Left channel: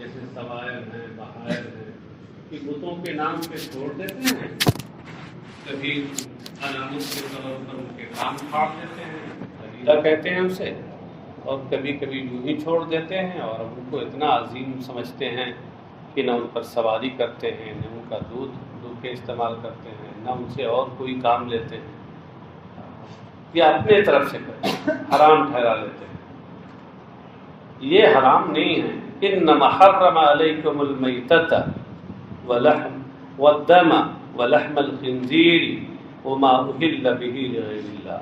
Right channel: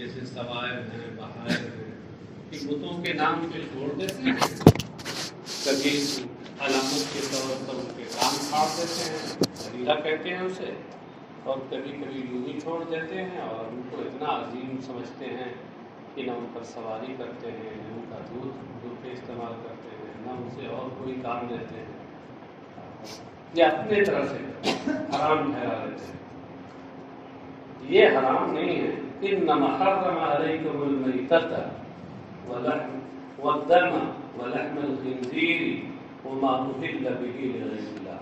جیسے سوائب ہیں، بہائر ہیں، کہ بتوں کے نام پہ چھوڑ دیتے ہیں، کبھی علامت کے طور پر ان کے کام پھاڑ دیتے ہیں، عقیدہ کہتے ہیں اسے، اور کبھی کبھی یوں ہی چھوڑ دیتے ہیں اور ان کو اتنا عظیم سمجھتے ہیں کہ نہ ان پر سواری کرتے ہیں، نہ ان کا دودھ کے استعمال کرتے ہیں، نہ ان سے اور کوئی کام لیتے ہیں، یا اپنے طرف سے کرتے ہیں، حرام ٹھہرا لیتے ہیں۔ یہ حرام نہیں ہے۔ انما حرم علیکم المیتۃ والدم ولحم الخنزیر وما اہل بہ لغیر اللہ،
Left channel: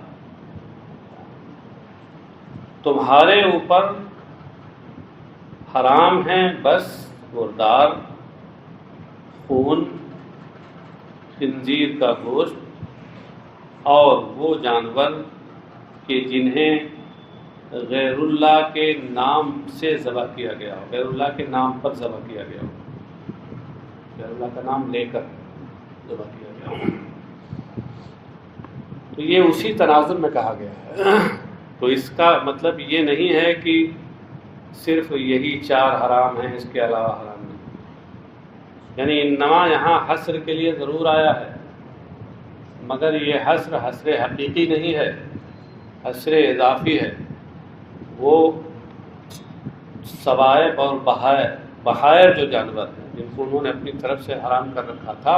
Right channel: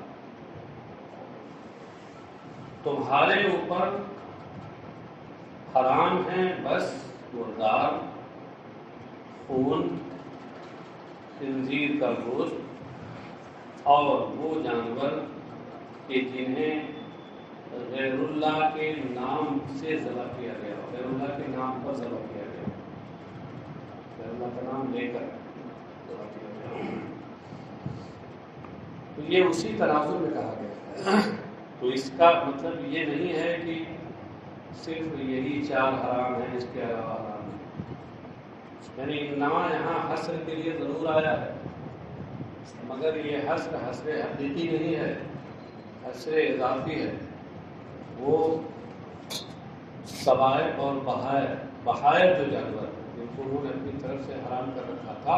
تمہارے اوپر حرام ہیں بس مردار، خون، خنزیر کا گوشت اور وہ جانور کہ جنہیں غیر اللہ کے نام سے ذبح کیا گیا ہو، غیر اللہ کے نام پر ذبح کیا گیا ہو، غیر اللہ کا نام لے کر ذبح کیا گیا ہو، تو یہ اسی تناظر میں کہا گیا ہے۔ تو اس کا مطلب یہ نہیں ہے کہ صرف یہی 4 حرام ہیں، اس کے علاوہ حرام نہیں، یعنی انما یہاں حصر کے لیے ضرور آیا ہے، مگر یہ حصر حقیقی نہیں ہے، حصر اضافی ہے۔ وہ سوائب اور بہائر جو جانور ہیں جن کو انہوں نے اپنی طرف سے حرام کر رکھا تھا،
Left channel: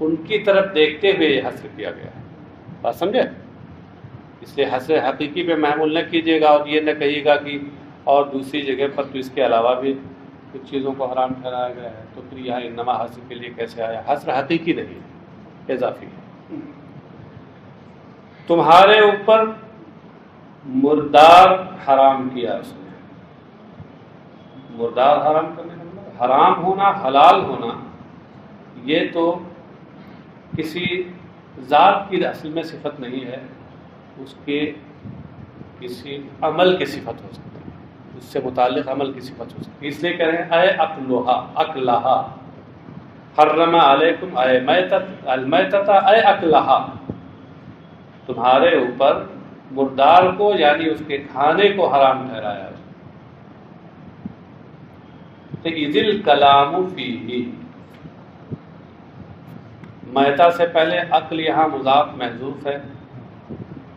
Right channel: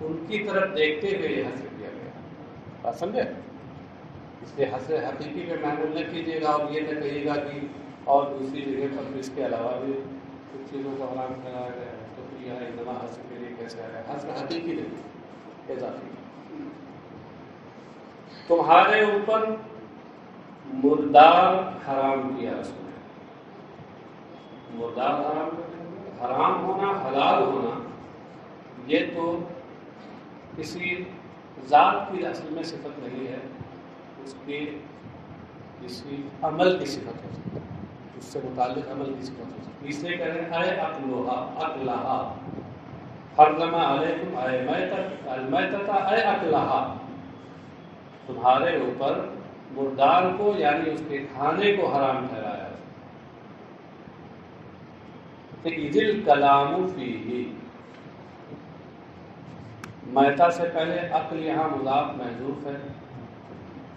ان کی طرف دیکھتے ہوئے یہ حصر کیا گیا ہے۔ بات سمجھے؟ اس لیے حصر حقیقی پہ محمول نہ کیجیے گا اور یہ نہ کہیے گا کہ اور دوسری جگہ پر تو اس کے علاوہ بھی کچھ چیزوں کو حرام کرایا گیا ہے، تو پھر یہاں انما حصر کے لیے کیسے آیا؟ حصر حقیقی نہیں، اضافی ہے۔ تمہارے اوپر مردار حرام کیا، اس نے مردار حرام کرنے کا مطلب حرام ہونا، حلال ہونا، یہ تو کسی ذات کی اصل میں صفت نہیں ہے، اس کے کسی عمل کی صفت ہو سکتی ہے، اس سے متعلق عمل کی صفت ہو سکتی ہے۔ اس لیے کہہ رہے ہیں اے اکلہا حرم علیکم اے المیتۃ اے اکلہا، تمہارے اوپر مردار کو یعنی اس کے کھانے کو حرام ٹھہرایا ہے۔ تو اذ الکلام فیہ، میتہ سے پہلے عقل یہاں مضاف محذوف ہے،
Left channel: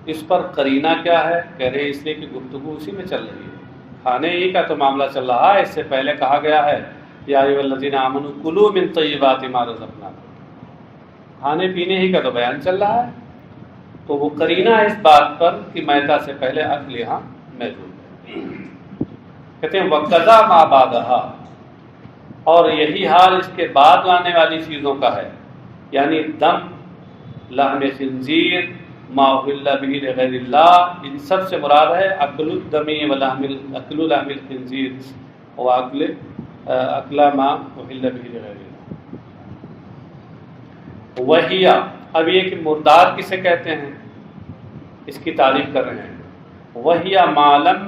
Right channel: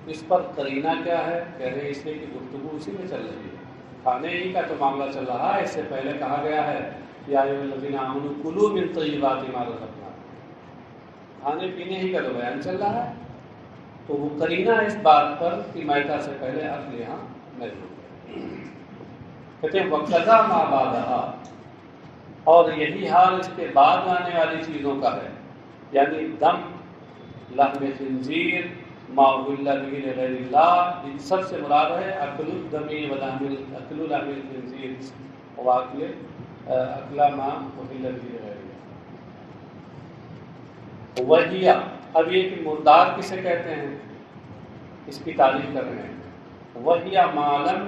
اس پر قرینہ کیا ہے؟ کہہ رہے اس لیے کہ گفتگو اسی میں چل رہی ہے، کھانے ہی کا تو معاملہ چل رہا ہے۔ اس سے پہلے کہا گیا ہے یا ایھا الذین آمنوا کلوا من طیبات ما رزقناکم، کھانے پینے ہی کا تو بیان چل رہا ہے، تو وہ قرینہ اس بات پر کہ میتہ سے پہلے عقل یہاں محذوف ہے۔ کہتے ہیں وَقَضَى مَا بَعْدَهَا، اور یہی حال اس کے بعد آنے والی چیزوں کا ہے، یعنی دم، لحم خنزیر، ما اہل بہ لغیر اللہ، ان سب سے مراد ہے اکل الدم اکل لحم الخنزیر و اکل ما اہل بہ لغیر اللہ۔ وہی، اب یہ کہ مردار کسے کہتے ہیں اس کی تعریف کر رہے ہیں۔ وہی معلم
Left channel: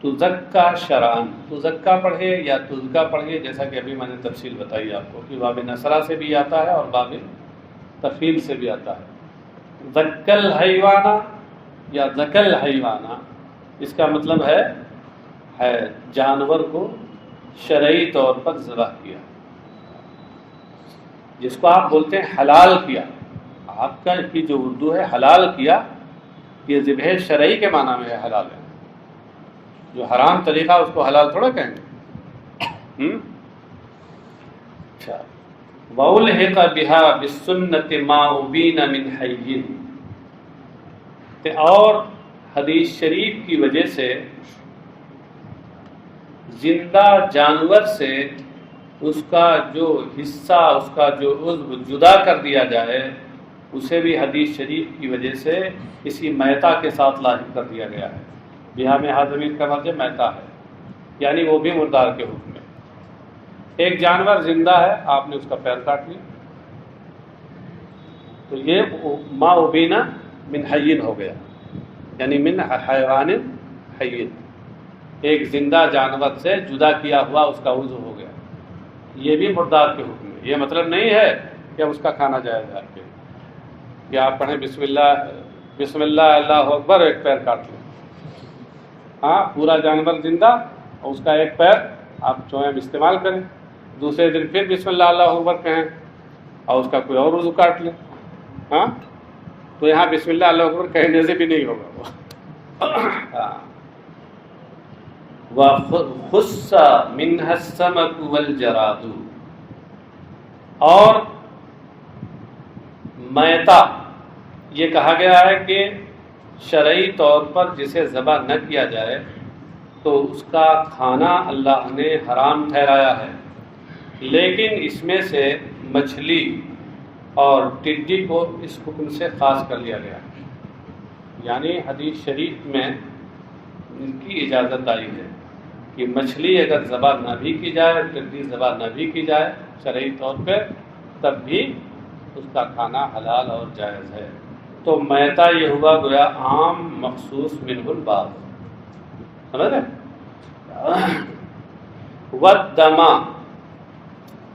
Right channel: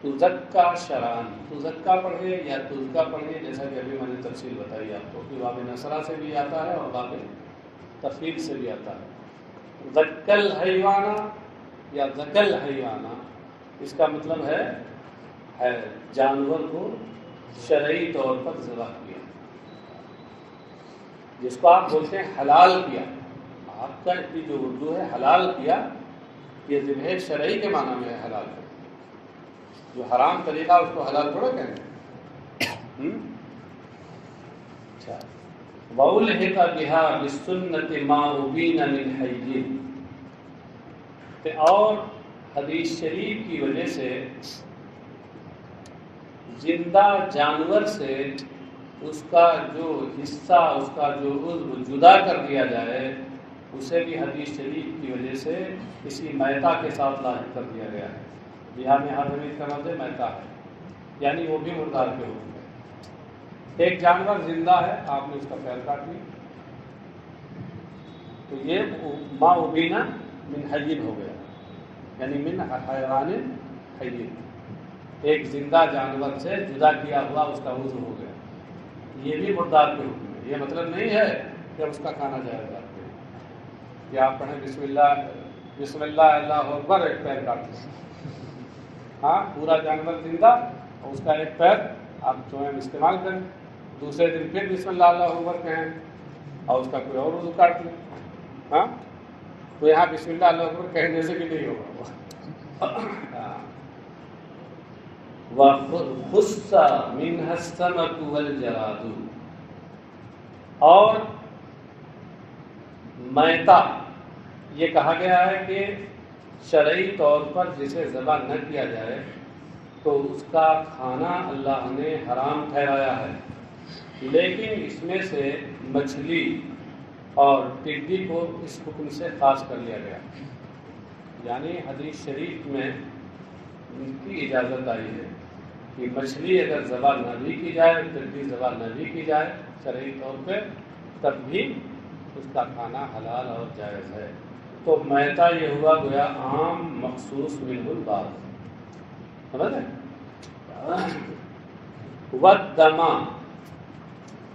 تزکا شرعن، تزکا پڑھے یا تزکا پڑھے، جیسا کہ ابھی میں نے تفصیل بتائی آپ کو کہ باب نصرہ سے بھی آتا ہے اور باب تفیل سے بھی آتا ہے۔ ذکل حیوانہ یا ذکل حیوانہ، اس کا مطلب ہے جانور کو شرعی طور پر ذبح کیا، جس کو آپ بولتے ہیں حلال کیا۔ آپ کا کی جو اردو ہے حلال کیا، یہ ذبح شرعی کے معنی میں ہے، حلال ہے۔ جو حرام طریقہ اس کو حلال تھوڑا کہیں گے۔ اچھا، وَأُلْحِقَ بِهَا بِالسُّنَّةِ مَا أُبِينَ مِنْ حَيٍّ، اور حدیث شریف کی وجہ سے زندہ جانور سے اس کا جو حصہ، اس کا جو عضو جدا کر دیا جائے، اسے بھی حدیث شریف کی وجہ سے اسی میتہ کے ساتھ لاحق کر دیا گیا ہے۔ بہا میں حاضمین کا مطلب میتہ ہے، یعنی وہ بھی مردار کے حکم میں۔ ایک جانور زندہ ہے، آپ نے اس کا پیر کاٹ لیا، تو یہ ما ابینا من حیٍ ہو گیا، یعنی من حیوان حیٍ، ایک زندہ جانور سے جدا کیا ہوا اس کا عضو ہو گیا، یہ بھی مردار کے حکم میں۔ یہ مطلب نہیں ہے کہ اس کا کھانا جائز ہے، کہ آپ پڑھیں بسم اللہ اللہ اکبر، ایک پیر کاٹ لیں۔ ہاں، پورا جانور زندہ اور اس کا ایک پیر آپ چوہم استعمال کریں، دوسرے دن پھر بسم اللہ اللہ اکبر کہیں اور اس کا کوئی اور وضو کاٹ لیں، ہاں تو یہاں بسم اللہ اللہ اکبر کہنے سے بھی نہیں ہوگا۔ وَخُصَّ مِنْهَا السَّمَكُ وَالْجَرَادُ، اور میتہ یہ کہا گیا ہے کہ شرعی طور پر جسے ذبح نہ کیا جائے تو اس کا کھانا اللہ نے حرام ٹھہرایا ہے، لیکن اس میں سے مچھلی اور ٹڈی کو اس حکم سے خاص کر لیا گیا، یعنی حدیث شریف میں ان کی اجازت آئی ہے کہ مچھلی اگر ذبح نہ بھی کی جائے اور ٹڈی ذبح نہ بھی کی جائے شرعی طور پہ تب بھی اس کا کھانا حلال اور جائز ہے۔ تو میتہ یہ ہوا گویا عام مخصوص منہ الباب، سمجھ رہے؟ والدم،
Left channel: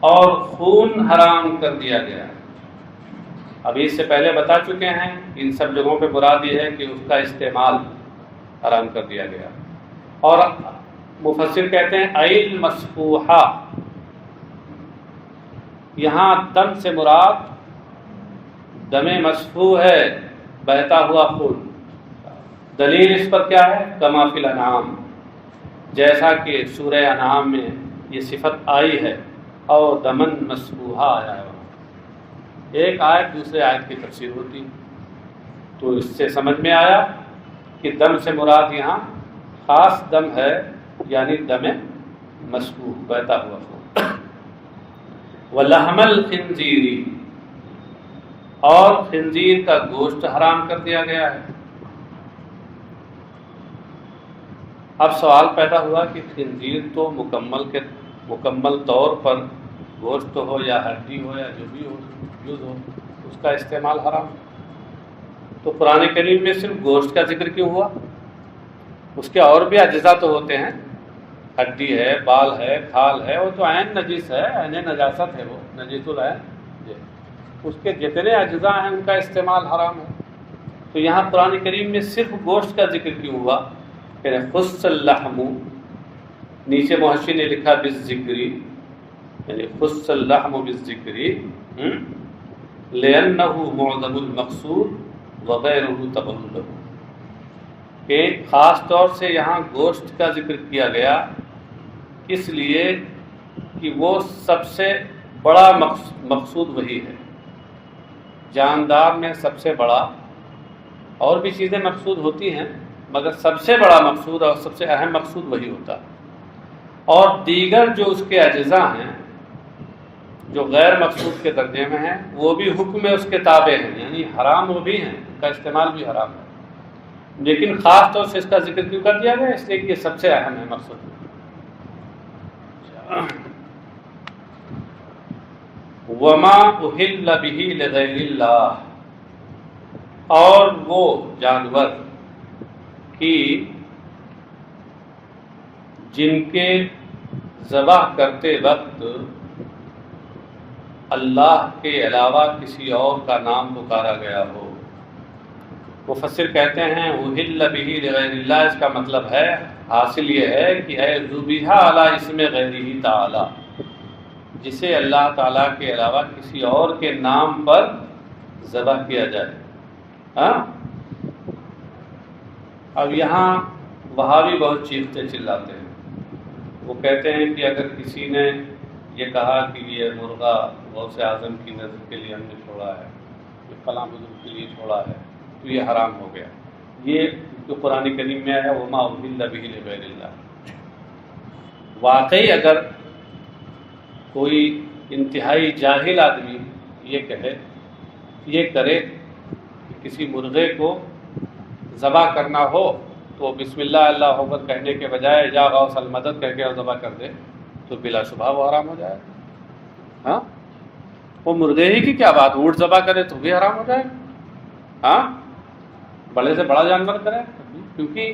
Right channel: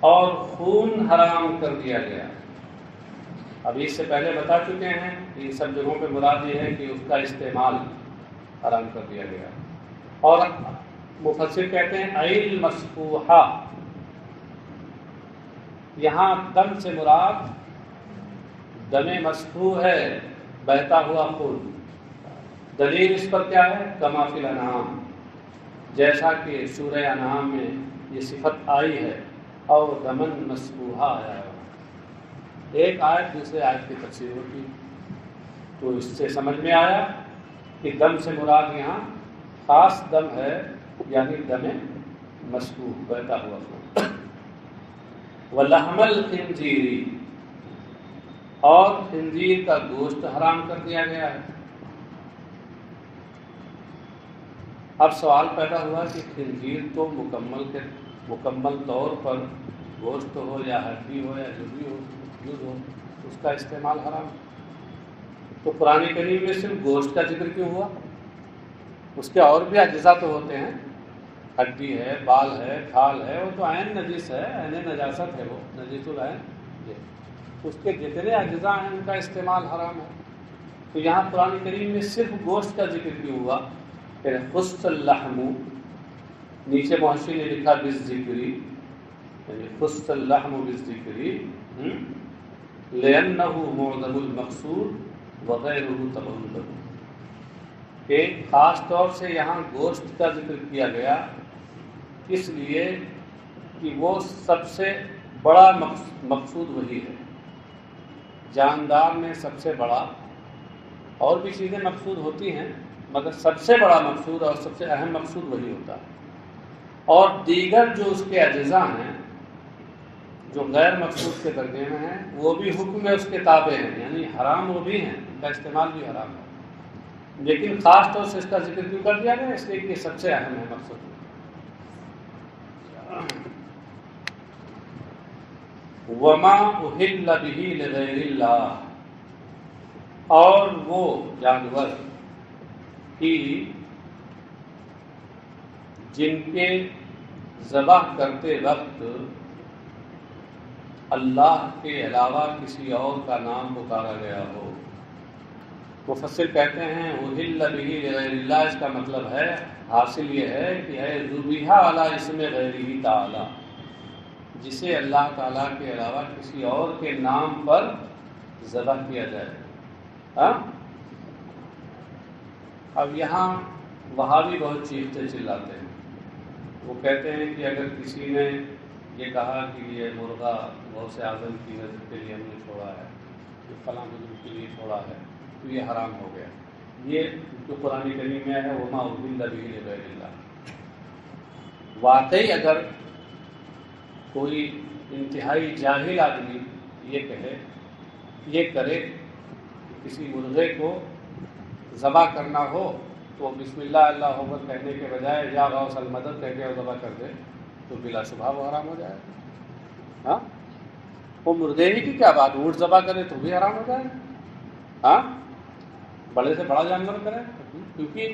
اور خون حرام کر دیا گیا۔ ابھی اس سے پہلے بتا چکے ہیں ان سب جگہوں پہ مراد یہ ہے کہ اس کا استعمال حرام کر دیا گیا۔ اور مفسر کہتے ہیں ایل مسفوحہ، یہاں دم سے مراد دم مسفوح ہے، بہتا ہوا خون۔ دلیل اس پر کیا ہے؟ کما فی الانعام، جیسا کہ سورہ انعام میں یہ صفت آئی ہے، اور دمن مسفوحہ آیا ہے۔ ایک آیت دوسرے آیت کی تفسیر ہوتی، تو اس سے سمجھ میں آیا کہ دم سے مراد یہاں خاص دم ہے، یعنی دم مسفوح، بہتا ہوا خون۔ ولحم الخنزیر، اور خنزیر کا گوشت حرام کر دیا گیا ہے۔ اب سوال پیدا ہوا کہ خنزیر تو مکمل طور پر گوشت ہو یا ہڈی ہو یا جو بھی ہو یوز ہو، اس کا استعمال حرام، تو قرآن کریم میں صرف گوشت کا ذکر کیوں ہوا؟ اس کے اور بھی اجزاء تو ہوتے ہیں، ہڈی ہے، بال ہے، کھال ہے، وہ تو عین نجس ہے، عین نجاست ہے، وہ نجس العین، اس کے جتنے اجزاء ہیں ان کا استعمال حرام ہے۔ تو یہاں قرآن کریم میں صرف گوشت کا ذکر کیوں ہوا؟ کہ خص اللحم، نیچے محشی نے لکھا بالذکری، یعنی خص اللحم بالذکری لأنہ معظم المقصود وغیرہ تبع له، کہ خاص طور سے یہاں گوشت کا ذکر کیا گیا اس لیے کہ وہ سب سے بڑا مقصود وہی ہے، جاندار میں سب سے بڑا، اور بھی چیزیں مقصود ہوتی ہیں مگر سب سے بڑا مقصود اور سب سے اہم مقصود وہی ہوتا ہے، اور دیگر جو اس کے اجزاء ہیں جو غیر مقصود کے درجے میں ہیں وہ بھی حکم اس کے تابع ہیں، یعنی حرام وہ بھی ہیں، ان کا استعمال بھی حرام ہے، لیکن خاص طور سے اس کا ذکر کیوں کر دیا گیا؟ اس لیے کہ یہ سب سے اہم ہے مقصد۔ وما احل به لغیر اللہ، اور وہ جانور کی جن کے ذبح کرتے وقت اللہ کے علاوہ کسی اور کا نام پکارا گیا ہو۔ مفسر کہتے ہیں احل به لغیر اللہ، اس کا مطلب ہے، حاصل یہ ہے کہ اے ذبیحہ علی اسم غیرہ تعالی، جسے اللہ تعالیٰ کے علاوہ کسی اور کے نام پر ذبح کیا جائے۔ ہاں، اب یہاں وہابی بہت چیختے چلاتے ہیں، وہ کہتے ہیں کہ اگر کسی نے یہ کہا کہ یہ مرغہ غوث اعظم کی نظر کے لیے ہم نے چھوڑا ہے، یہ فلاں بزرگ کے لیے چھوڑا ہے، تو یہ حرام ہو گیا۔ یہ جو قرآن کریم میں آیا وما احل به لغیر اللہ، واقعی اگر کوئی انتہائی جاہل آدمی یہ کرے کہ کسی مرغے کو ذبح کرنا ہو تو بسم اللہ اللہ اکبر کہنے کے بجائے یا غوث المدد کہہ کے ذبح کر دے تو بلا شبہ وہ حرام ہو جائے۔ ہاں، وہ مرغے ہی کی کیا بات، اونٹ ذبح کرے تو بھی حرام ہو جائے۔ ہاں، بڑے سے بڑا جانور کرے، کیونکہ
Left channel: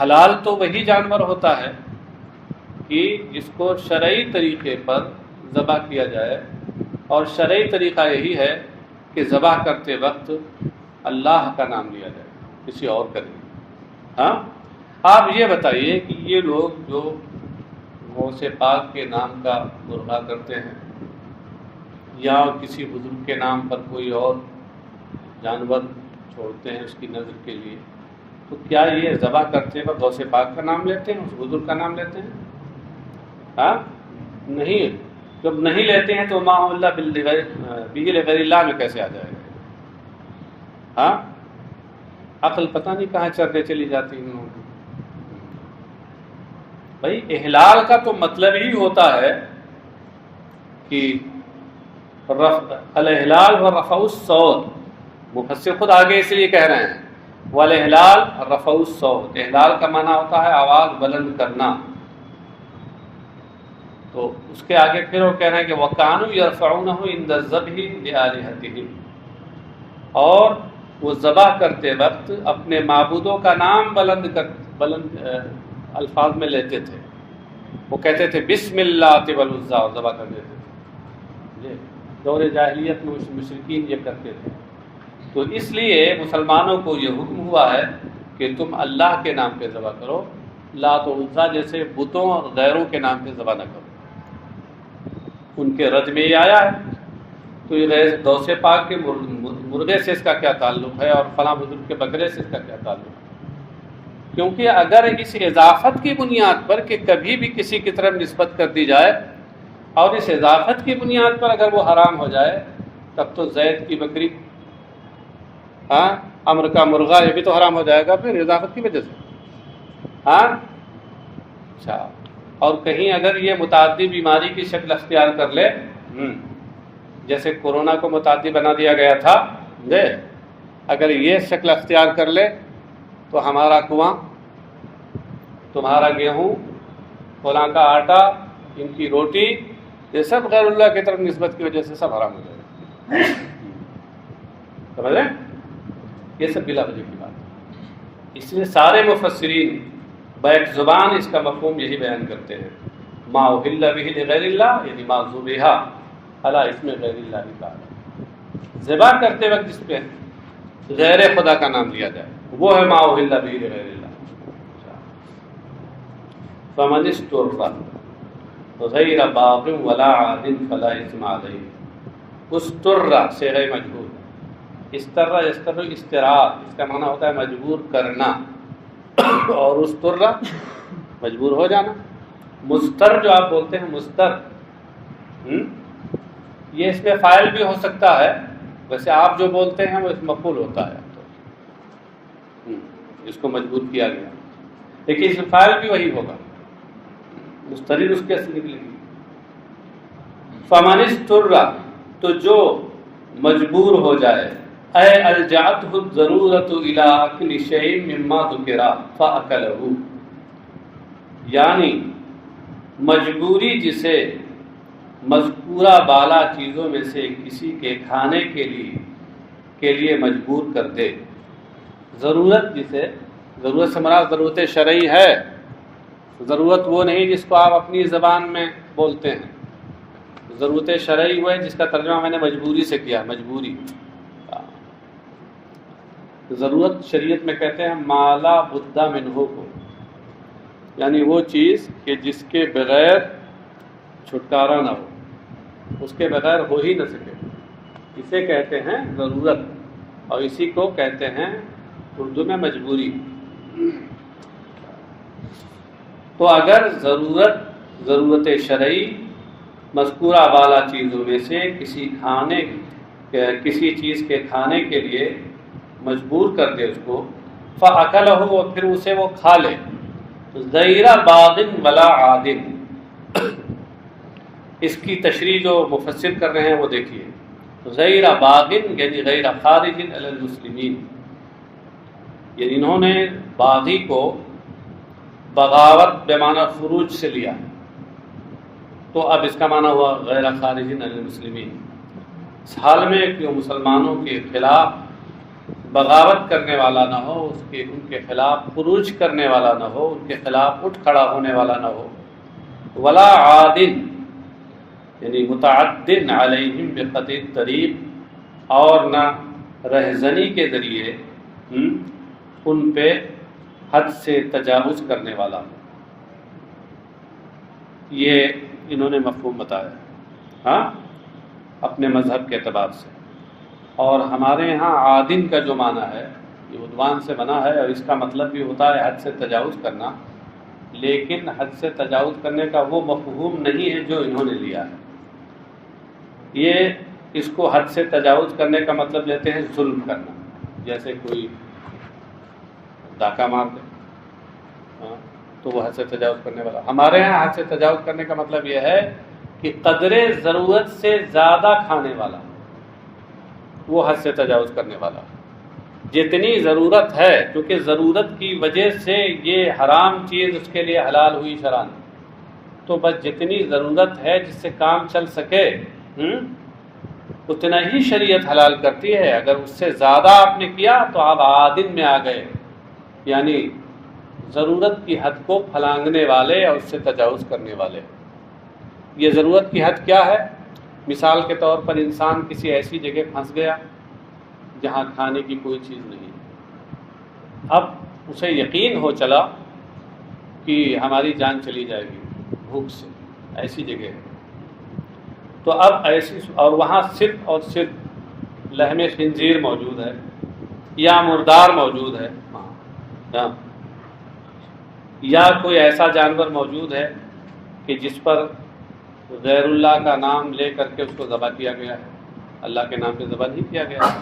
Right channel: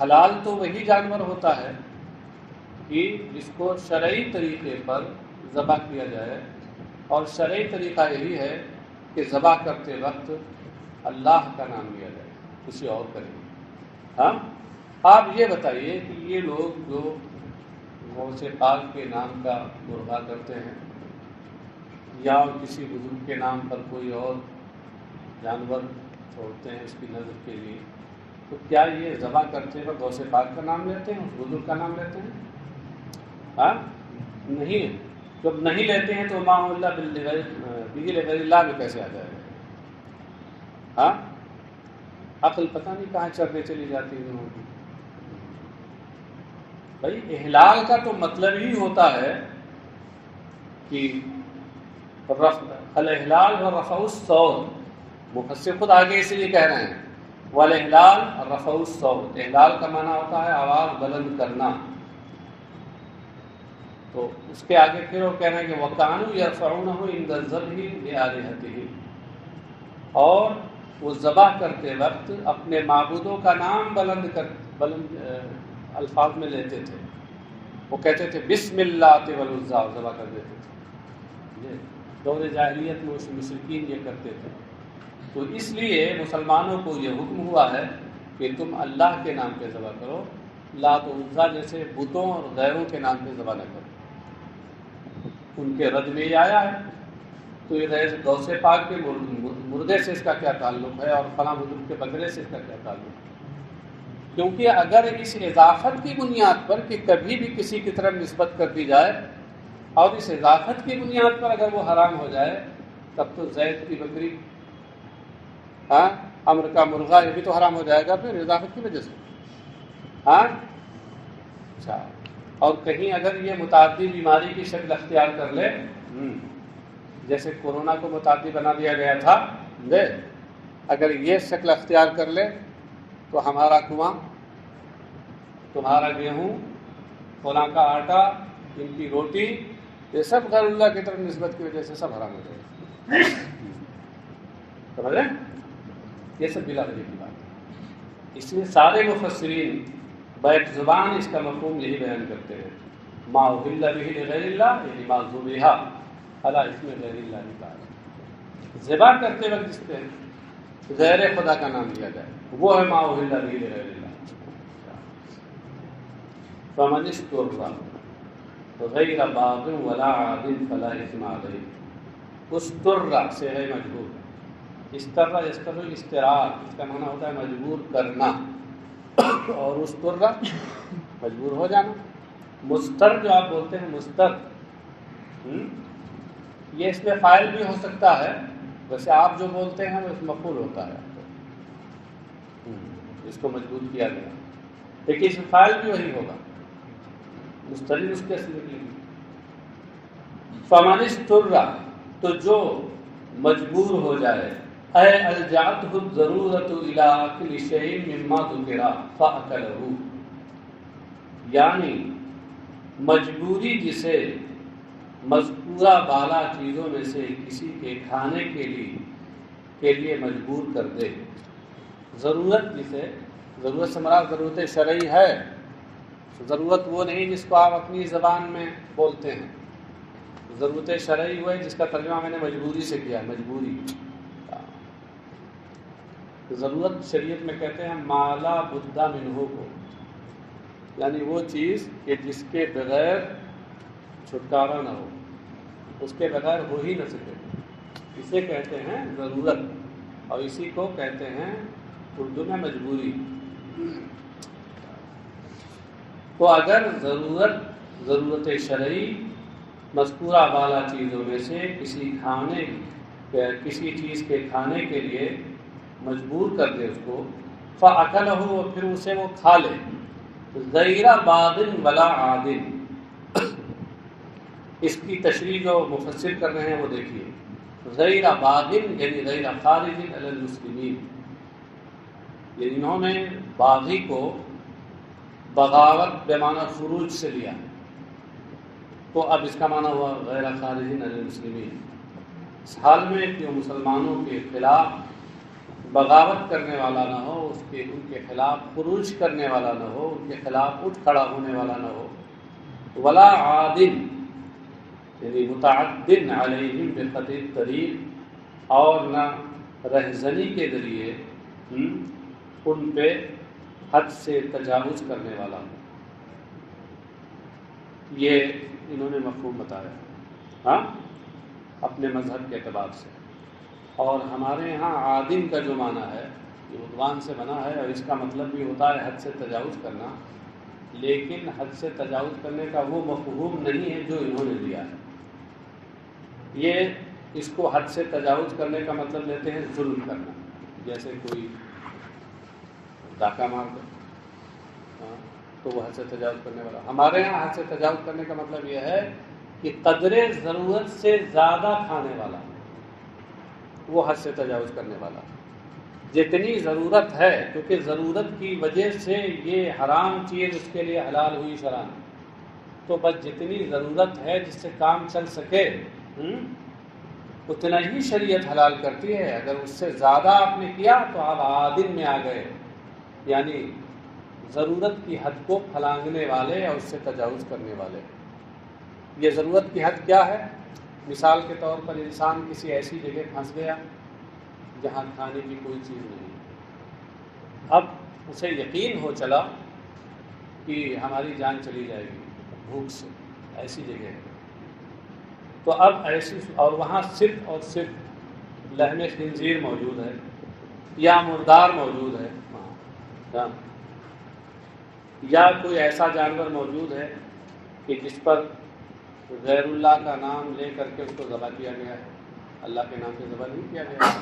حلال تو وہی جانور ہوتا ہے کہ جس کو شرعی طریقے پر ذبح کیا جائے، اور شرعی طریقہ یہی ہے کہ ذبح کرتے وقت اللہ کا نام لیا جائے، کسی اور کا نہیں۔ ہاں، آپ یہ بتائیے کہ یہ لوگ جو غوث پاک کے نام کا مرغا کرتے ہیں یا کسی بزرگ کے نام پر کوئی اور جانور چھوڑتے ہیں اس کی نظر کے لیے، تو کیا یہ ذبح کرتے وقت غوث پاک کا نام لیتے ہیں، اس بزرگ کا نام لیتے ہیں؟ ہاں نہیں، جب نہیں لیتے ہیں تو ما اللہ بہ لغیر اللہ میں کیسے آ جائے گا؟ ہاں عقل پتہ نہیں کہاں چرنے چلی جاتی ہے ان لوگوں کی۔ بھائی احلال کا تو مطلب ہی ہوتا ہے کہ الاحلال و رفع الصوت، مفسر خود آگے اس لیے کہہ رہے ہیں والاحلال رفع الصوت، احلال کا معنی ہوتا ہے آواز بلند کرنا۔ تو اس کے آگے پھر وہ کہہ رہے ہیں کہ وَكَانُوا يَرْفَعُونَهُ عِنْدَ الذَّبْحِ لِآلِهَتِهِمْ، اور وہ ذبح کرتے وقت اپنے معبودوں کا نام بلند الفاظ میں لیتے تھے۔ وہ کہتے تھے بسم اللہ والعزیٰ، اور ذبح کر دیتے تھے۔ دور جاہلیت میں مشرکین یہ کرتے تھے، تو اس لیے مسلمانوں کو یہ حکم ہوا ہے کہ تم اللہ کے نام پہ ذبح کرو، لات و عزیٰ جیسے بتوں اور غیروں کے نام پہ ذبح نہ کرو۔ ان کے رد میں یہ آیا ہے، تو یہ غوث پاک کے مرغے سے اس کا کیا تعلق ہے اور فلاں بزرگ کے بکرے سے اس کا کیا تعلق ہے؟ کیونکہ اگر اس اضافت کی بنیاد پر کہ کبھی بھی کسی کی طرف نسبت کر دی جائے اور اس اضافت کی بنیاد پر اگر وہ حرام ہو جائے، تب تو زید کی بکری، ہاں امر کا مرغا، یہ بھی تو حرام ہو جائے گا پھر اضافت کی وجہ سے۔ ہاں اچھا، اور کہیں اگر یہ متعدی بیماری کی شکل اختیار کر لے، جیسے کورونا کو متعدی بنا دیا گیا تھا، اگر یہ شکل اختیار کر لے تو ہمارا کنواں، تمہارا گیہوں، فلاں کا آٹا، ان کی روٹی، یہ سب غیر اللہ کی طرف نسبت کی وجہ سے سب حرام ہو جائے گا۔ سمجھ لیں؟ یہ سب بلا وجہ کی بات ہے۔ اس لیے سارے مفسرین بیک زبان اس کا مفہوم یہی بیان کرتے ہیں، ما احل بہ لغیر اللہ، یعنی ما ذبح علی اسم غیر اللہ کی بات۔ ذبح کرتے وقت جس پہ غیر خدا کا نام لیا جائے وہ ہے ما احل بہ لغیر اللہ۔ فمن اضطر غیر باغ ولا عاد فلا اثم علیہ۔ استر صیغہ مجبور، استر استراء، اس کا معنی ہوتا ہے مجبور کرنا، اور استر مجبور ہو جانا۔ مستر جو آپ بولتے ہیں مستر، یہ اس میں فاعل بھی ہو سکتا ہے، ویسے آپ جو بولتے ہیں وہ اس مفعول ہوتا ہے، اس کو مجبور کیا گیا، لیکن اس میں فاعل بھی وہی ہوگا، مسترد اس کے اصل نکلے گی۔ فمن اضطر، تو جو مجبور ہو جائے، اے الجأتہ الضرورۃ الی اکل شیء مما ذکر فاکلہ، یعنی مجبوری جسے مذکورہ بالا چیزوں میں سے کسی کے کھانے کے لیے مجبور کر دے۔ ضرورت جسے، ضرورت سے مراد ضرورت شرعی ہے، ضرورت وہ نہیں جس کو آپ اپنی زبان میں بولتے ہیں، ضرورت شرعی وہ ہے جس کا ترجمہ میں نے مجبوری سے کیا، مجبوری۔ ضرورت شریعت میں کہتے ہیں مالا بدہ منہ کو، یعنی وہ چیز کہ جس کے بغیر چھٹکارا نہ ہو، اس کے بغیر ہو ہی نہ سکے، اسے کہتے ہیں ضرورت، اور اسی کو کہتے ہیں اردو میں مجبوری۔ تو اگر ضرورت شرعی مذکورہ بالا چیزوں میں سے کسی چیز کے کھانے کے لیے مجبور کر دے اس کو، فَأَكَلَهُ، اور پھر اسے وہ کھا لے، غیر باغ ولا عاد، اس کی تشریح جو مفسر کر رہے ہیں وہ دیکھیے، غیر باغ یعنی غیر خارج علی المسلمین، یعنی انہوں نے باغی کو بغاوت بمعنی خروج سے لیا، تو اب اس کا معنی ہوا غیر خارج علی المسلمین، اس حال میں کہ وہ مسلمانوں کے خلاف بغاوت کرنے والا نہ ہو، ان کے خلاف خروج کرنے والا نہ ہو، ان کے خلاف اٹھ کھڑا ہونے والا نہ ہو، ولا عادن یعنی متعدن علیہم بقطع الطریق، اور نہ رہزنی کے ذریعے ان پہ حد سے تجاوز کرنے والا ہو۔ یہ انہوں نے مفہوم بتایا ہاں اپنے مذہب کے اعتبار سے. اور ہمارے یہاں عادن کا جو معنی ہے یہ عدوان سے بنا ہے، اور اس کا مطلب بھی ہوتا ہے حد سے تجاوز کرنا، لیکن حد سے تجاوز کرنے کا وہ مفہوم نہیں ہے جو انہوں نے لیا ہے. یہ اس کو حد سے تجاوز کرنے کا مطلب لیتے ہیں ظلم کرنا، جیسے کوئی ڈاکہ مار دے تو وہ حد سے تجاوز کرنے والا. ہمارے یہاں حد سے تجاوز کرنے کا مطلب یہ ہے کہ قدر ضرورت سے زیادہ کھانے والا وہ حد سے تجاوز کرنے والا. جتنی ضرورت ہے، کیونکہ ضرورت کی وجہ سے یہ حرام چیز اس کے لیے حلال ہوئی شرعاً، تو بس جتنی ضرورت ہے جس سے کام چل سکے اتنا ہی شریعت حلال کرتی ہے. اگر اس سے زیادہ آپ نے کیا تو آپ عادن میں آ گئے، یعنی ضرورت کی حد کو پھلانگنے والے اور اس سے تجاوز کرنے والے. یہ ضرورت کی حد کیا ہے؟ مثال کے طور پر انسان کسی ایسی جگہ پھنس گیا جہاں کھانے کی کوئی چیز نہیں، اب اسے یقین ہو چلا کہ ہماری جان چلی جائے گی بھوک سے، ایسی جگہ ہے. تو اب ایسی، اور وہاں صرف اور صرف لحم خنزیر موجود ہے یا مردار موجود ہے یا کوئی ایسا جانور موجود ہے کہ جس پر غیر اللہ کا نام لے کر کے اس کو ذبح کیا گیا ہے، اللہ کے نام پہ ذبح نہیں کیا گیا ہے.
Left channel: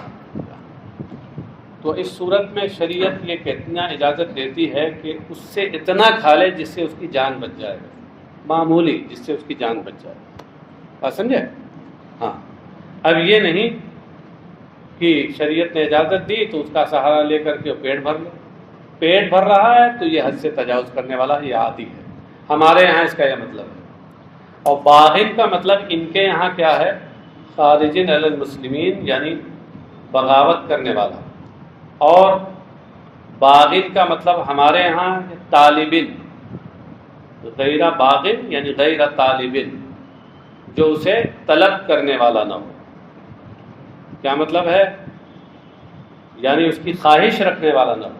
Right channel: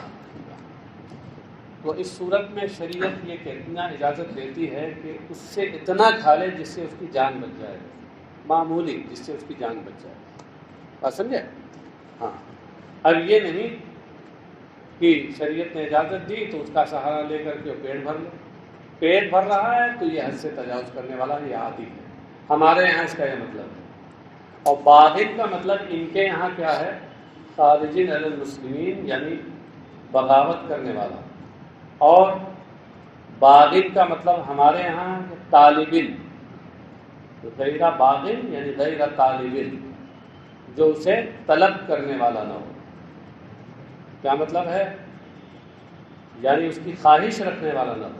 تو اس صورت میں شریعت یہ کتنا اجازت دیتی ہے کہ اس سے اتنا کھا لے جس سے اس کی جان بچ جائے، معمولی جس سے اس کی جان بچ جائے. بات سمجھے؟ ہاں. اب یہ نہیں کہ شریعت نے اجازت دی تو اس کا سہارا لے کر کے پیٹ بھر لے. پیٹ بھر رہا ہے تو یہ حد سے تجاوز کرنے والا یہ عادی ہے. ہمارے یہاں اس کا یہ مطلب ہے. اور باغن کا مطلب ان کے یہاں کیا ہے؟ خارجین علی المسلمین، یعنی بغاوت کرنے والا. اور باغن کا مطلب ہمارے یہاں طالبن، غیر باغن یعنی غیر طالبن، جو اسے طلب کرنے والا نہ ہو. کیا مطلب ہے؟ یعنی اس کی خواہش رکھنے والا نہ ہو.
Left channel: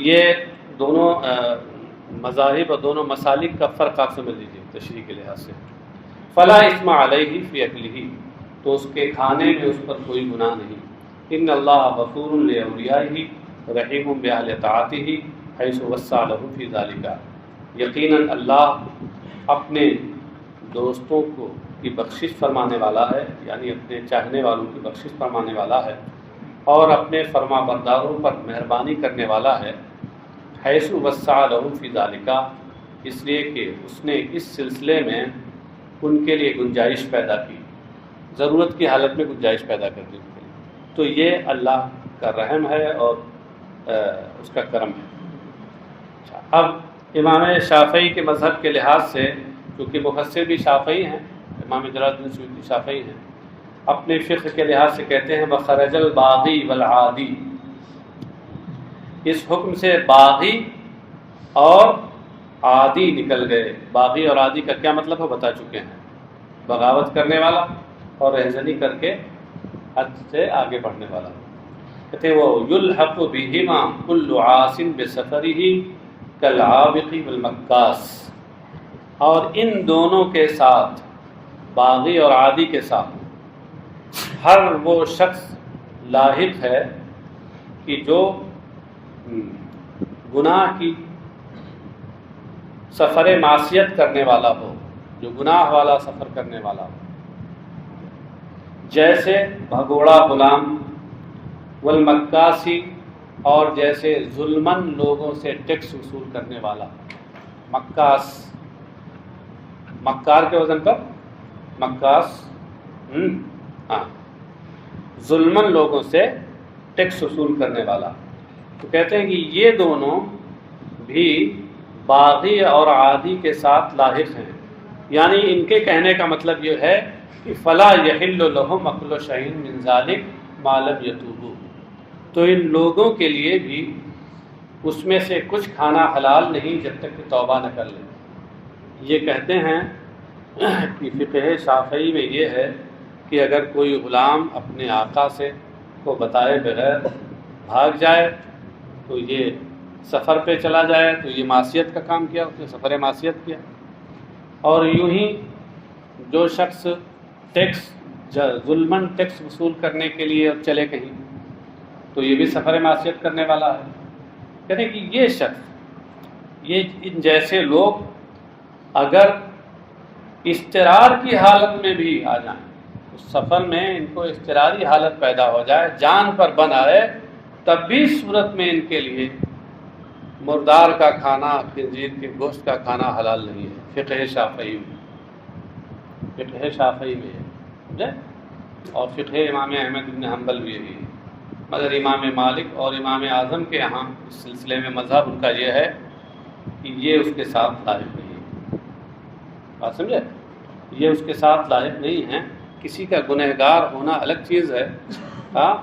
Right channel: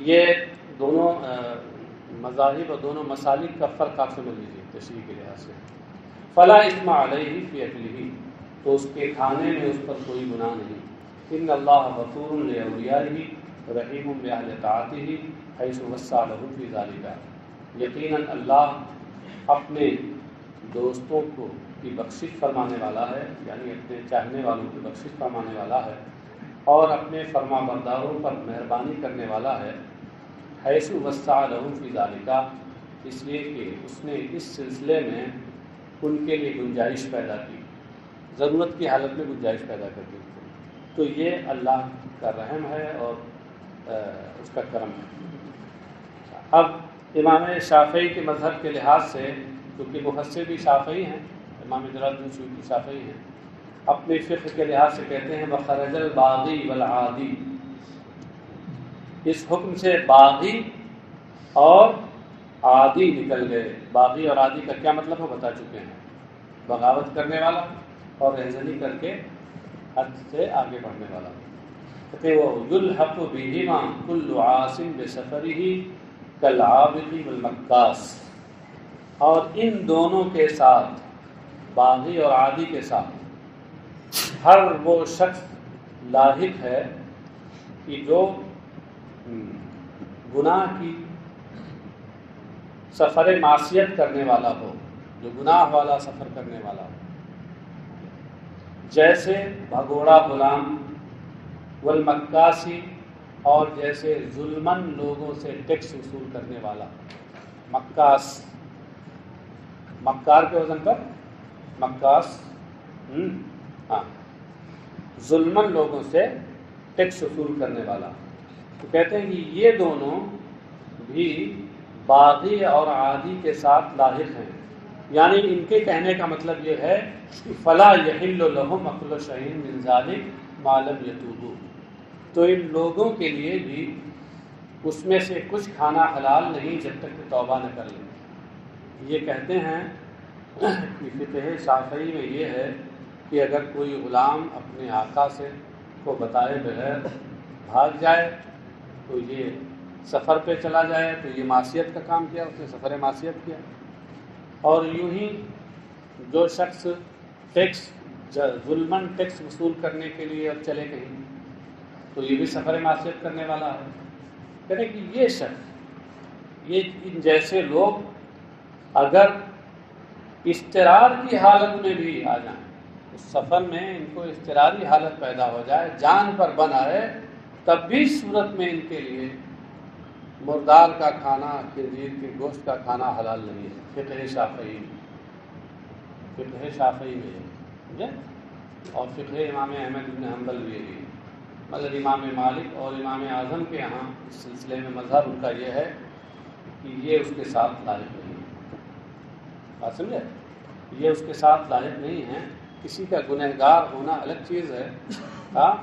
یہ دونوں مذاہب اور دونوں مسالک کا فرق آپ سمجھ لیجیے تشریح کے لحاظ سے. فلا اسم علیہ فی اکلہ، تو اس کے کھانے میں اس پر کوئی گناہ نہیں. ان اللہ غفور لاولیائہ رحیم باہل طاعتہ حیث وسع لہ فی ذلک. یقیناً اللہ اپنے دوستوں کو کی بخشش فرمانے والا ہے، یعنی اپنے چاہنے والوں کی بخشش فرمانے والا ہے، اور اپنے فرما برداروں پر مہربانی کرنے والا ہے. حیث وسع لہ فی ذلک، اس لیے کہ اس نے اس سلسلے میں ان کے لیے گنجائش پیدا کی، ضرورت کی حالت میں گنجائش پیدا کر دی. تو یہ اللہ کا رحم ہے اور اس کا کرم ہے. اب امام شافعی کے مذہب کے لحاظ سے، کیونکہ مفسر بھی شافعی ہیں، امام جلال الدین سیوطی شافعی ہیں، اپنے فقہ کے لحاظ سے کہتے ہیں وخرج الباغی والعادی. اس حکم سے باغی اور عادی نکل گئے. باغی اور عادی کا کیا مطلب ہے بتا چکے ہیں، بغاوت کرنے والا اور رہزنی کر کے حد سے آگے بڑھنے والا. کہتے ہیں وہ یلحق بہما کل عاص بسفرہ کالعابق والمکاس. اور ان دونوں کے ساتھ، باغی اور عادی کے ساتھ، ہر وہ شخص لاحق ہے کہ جو گناہ کی سفر معصیت کرنے والا ہو، جو گناہ والا سفر کرنے والا ہو، جیسے بھگوڑا غلام، والمکاسی، اور جیسے ظلمن لوگوں سے ٹیکس وصول کرنے والا. مکاس، مکار کے وزن پر مکاس، ہاں، ظلمن لوگوں سے ٹیکس وصول کرنے والا. تو کہتے ہیں کہ یہ دونوں بھی باغی اور عادی کے ساتھ لاحق ہیں. یعنی ان کے کہنے کا مطلب یہ ہے کہ فلا یحل لہم اکل شیء من ذلک ما لم یتوبوا. تو ان لوگوں کے لیے بھی اس میں سے کچھ کھانا حلال نہیں جب تک کہ توبہ نہ کر لیں. یہ کہتے ہیں کہ فقہ شافعی میں یہ ہے کہ اگر کوئی غلام اپنے آقا سے کو بتائے بغیر بھاگ جائے تو یہ سفر پہ چلا جائے تو یہ معصیت کا کام کیا، اس نے سفر معصیت کیا۔ اور یوں ہی جو شخص ظلماً ٹیکس وصول کرنے کے لیے اور چلے کہیں تو یہ بھی سفر معصیت کرنے والا ہے۔ کہتے ہیں کہ یہ شخص، یہ ان جیسے لوگ اگر اضطرار کی حالت میں بھی آ جائیں، اس سفر میں ان کو اضطراری حالت پیدا ہو جائے، جان پر بن آئے، تب بھی صورت میں ان کے لیے مردار کا کھانا، خنزیر کے گوشت کا کھانا حلال نہیں ہے۔ فقہ شافعی میں ہے، سمجھے؟ اور فقہ امام احمد بن حنبل بھی یہی ہے، مگر امام مالک اور امام اعظم کے یہاں اس سلسلے میں مذہب ان کا یہ ہے کہ یہ اس کے ساتھ لائق نہیں ہے۔ بات سمجھے؟ یہ اس کے ساتھ لائق نہیں ہے۔ کسی کا گنہگار ہونا الگ چیز ہے، ہاں،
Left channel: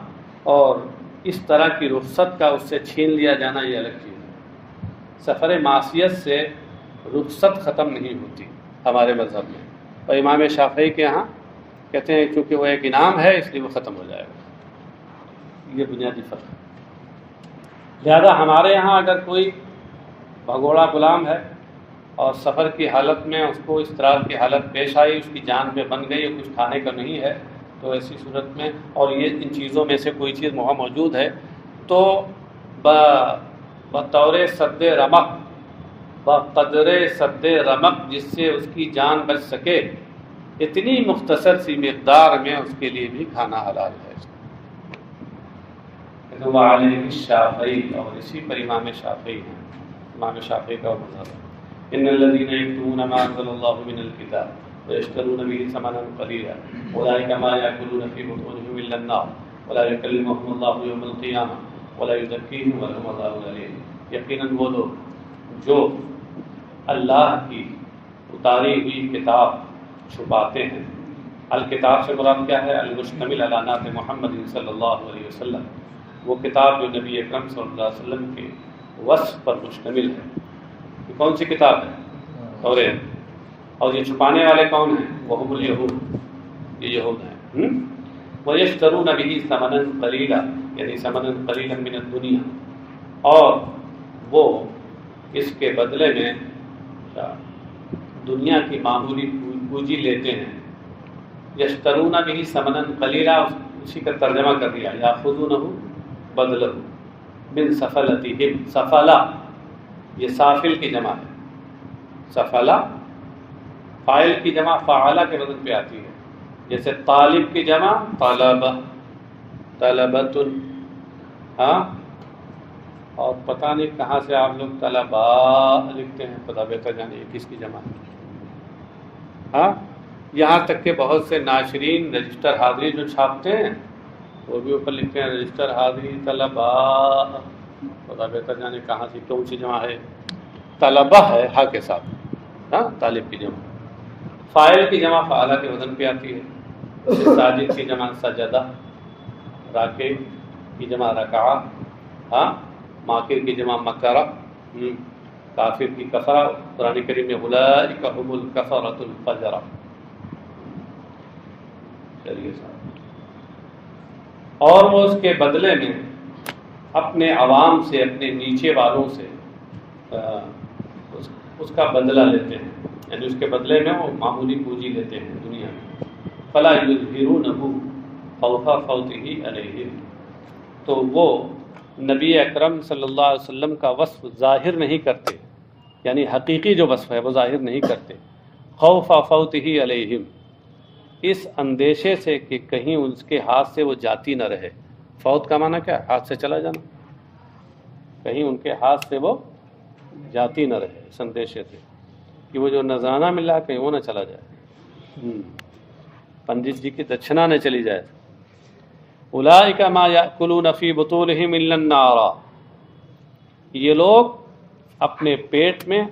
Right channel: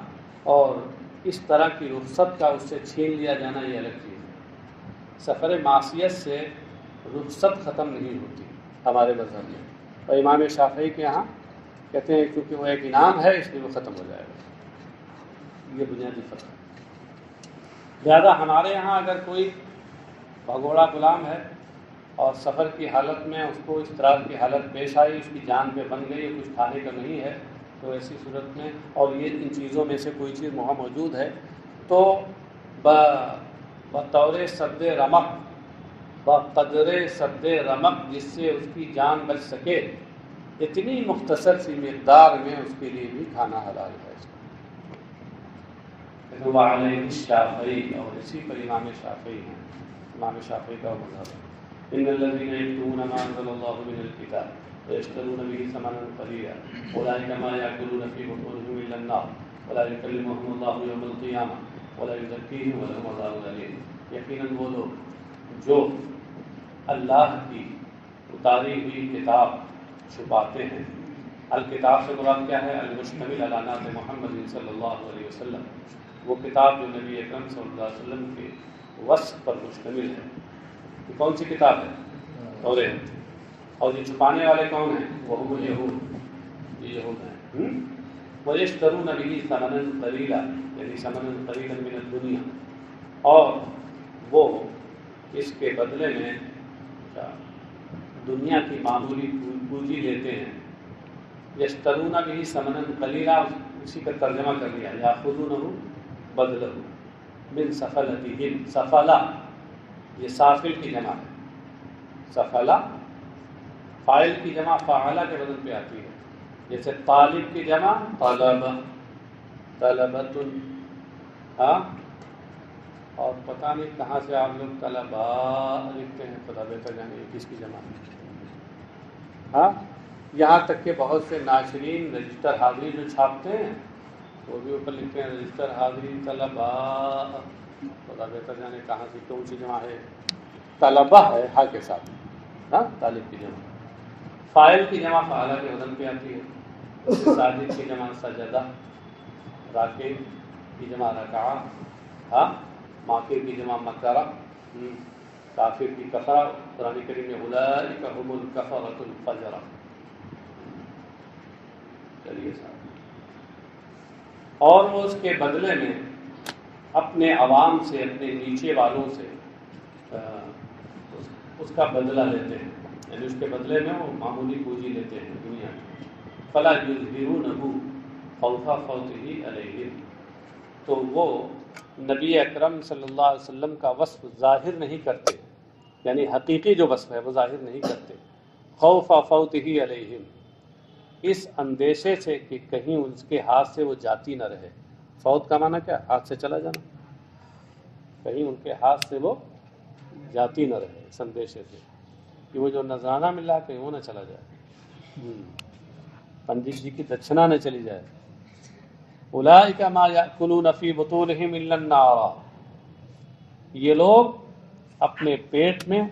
اور اس طرح کی رخصت کا اس سے چھین لیا جانا یہ الگ چیز ہے۔ سفر معصیت سے رخصت ختم نہیں ہوتی ہمارے مذہب میں، اور امام شافعی کے یہاں کہتے ہیں کیونکہ وہ ایک انعام ہے اس لیے وہ ختم ہو جائے گا۔ یہ بنیادی فرق ہے۔ لہذا ہمارے یہاں اگر کوئی بھگوڑا غلام ہے اور سفر کی حالت میں اس کو اضطرار کی حالت پیش آئی، اس کی جان پہ بن گئی، کچھ کھانے کا نہیں ہے، تو ایسی صورت میں، اور یہ ان چیزوں میں سے کوئی چیز وہاں موجود ہے، تو بطور سد رمق، بقدر سد رمق، جس سے اس کی جان بچ سکے، اتنی مختصر سی مقدار میں اس کے لیے بھی کھانا حلال ہے۔ وعلیہ الشافعی، اور اسی پر امام شافعی ہیں، امام شافعی کا مذہب ہے۔ ان الذين يكتمون ما انزل الله من الكتاب ويشترون به ثمنا قليلا اولئك ما ياكلون في بطونهم الا النار ولا يكلمهم الله يوم القيامه ولا يزكيهم ولهم عذاب اليم۔ یقیناً وہ لوگ جو اللہ کی اتاری ہوئی کتاب چھپاتے ہیں، الکتاب سے مراد کیا ہے؟ المشتمل علی نعت محمد صلی اللہ علیہ وسلم، وہ کتاب جو نبی اکرم صلی اللہ علیہ وسلم کے وصف پر مشتمل ہے۔ یہ کون سی کتاب ہے؟ توریت۔ اور یہ چھپانے والے کون ہیں؟ وہم الیہود، یہ یہود ہیں۔ وَيَشْتَرُونَ بِهِ ثَمَنًا قَلِيلًا، یعنی ثَمَنًا قَلِيلًا مِنَ الدُّنْيَا، اور وہ اس کے بدلے میں دنیا کی معمولی پونجی لیتے ہیں۔ یشترون به ثمنا قلیلا، اسی کا ترجمہ کر دیا، یاخذونہ بدلہ من سفلتہم، سفلہ یہ سافل کی جمع ہے، سفلہ فاعل کی جمع فعلہ کے وزن پہ آتی ہے، جیسے طالب کی جمع طلبہ، طلبۃ، ہاں، اور پتہ نہیں کہاں سے آپ لوگ طلبا لکھتے ہیں، خدا بہتر جانے یہ کس کی جمع ہے۔ ہاں، یہاں تک کہ بہت سے ناشرین رجسٹر حاضری جو چھاپتے ہیں وہ بھی اوپر لکھتے ہیں رجسٹر حاضری طلبا، خدا بہتر جانے کہاں سے کون سی جمع ہے۔ طلبہ ہے ہا کے ساتھ، ہاں، طالب کی جمع، فاعل کی جمع فعلہ کے وزن پہ آتی ہے، ساجد کی جمع سجدہ، راکع کی جمع رکعہ، ہاں، ماکر کی جمع مکرہ، کافر کی کفرہ، قرآن کریم میں اولئک ھم الکفرۃ الفجرہ۔ چلیے صاحب، اور وہ اس کے بدلے میں اپنے عوام سے، اپنے نیچے والوں سے اس کا بدلہ لیتے ہیں، یعنی اس کے بدلے میں وہ معمولی پونجی لیتے ہیں دنیا میں۔ فلا یظہرونہ خوف فوتہ علیہم، تو وہ نبی اکرم صلی اللہ علیہ وسلم کا وصف ظاہر نہیں کرتے، یعنی حقیقی جو وصف ہے وہ ظاہر نہیں کرتے، خوف فوتہ علیہم، اس اندیشے سے کہ کہیں اس کے ہاتھ سے وہ جاتی نہ رہے۔ فوت کا معنی کیا؟ ہاتھ سے چلا جانا، کہیں ان کے ہاتھ سے وہ جاتی نہ رہے، اس اندیشے سے کہ وہ جو نذرانہ ملا کہیں وہ نہ چلا جائے، پنڈت جی کی دچھنا نہ چلی جائے۔ اولئک ما یاکلون فی بطونہم الا النار، یہ لوگ اپنے پیٹ میں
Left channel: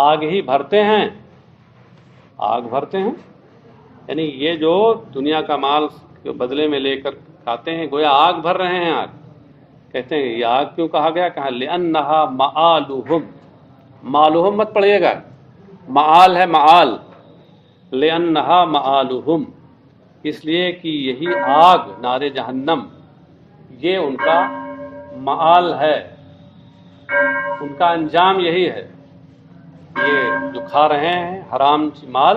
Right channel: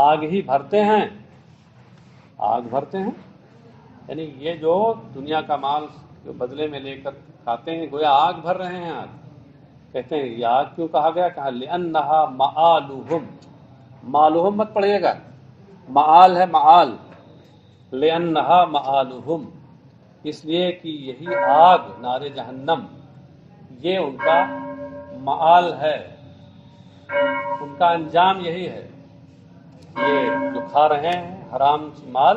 آگ ہی بھرتے ہیں، آگ بھرتے ہیں، یعنی یہ جو دنیا کا مال جو بدلے میں لے کر کھاتے ہیں گویا آگ بھر رہے ہیں۔ آگ کہتے ہیں یہ آگ کیوں کہا گیا؟ کہا لأنہا مآلہم، مالہم مت پڑھیے گا، معال ہے معال، لأنہا مآلہم، اس لیے کہ یہی آگ نار جہنم یہ ان کا معال ہے، ان کا انجام یہی ہے، یہ جو کھا رہے ہیں حرام مال،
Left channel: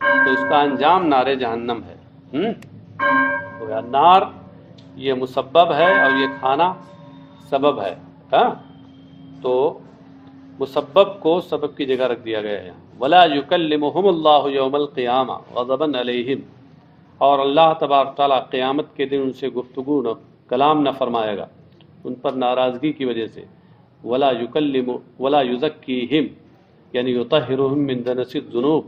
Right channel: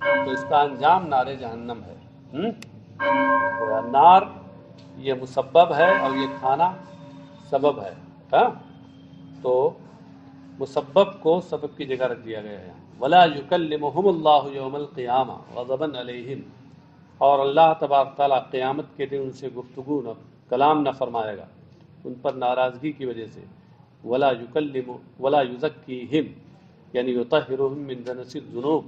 تو اس کا انجام نار جہنم ہے۔ تو نار یہ مسبب ہے اور یہ کھانا سبب ہے، ہاں؟ تو مسبب کو سبب کی جگہ رکھ دیا گیا ہے۔ ولا یکلمہم اللہ یوم القیامہ غضبا علیہم، اور اللہ تبارک تعالیٰ قیامت کے دن ان سے گفتگو نہ کلام نہ فرمائے گا ان پر ناراضگی کی وجہ سے۔ ولا یزکیہم یعنی یطہرہم من دنس الذنوب،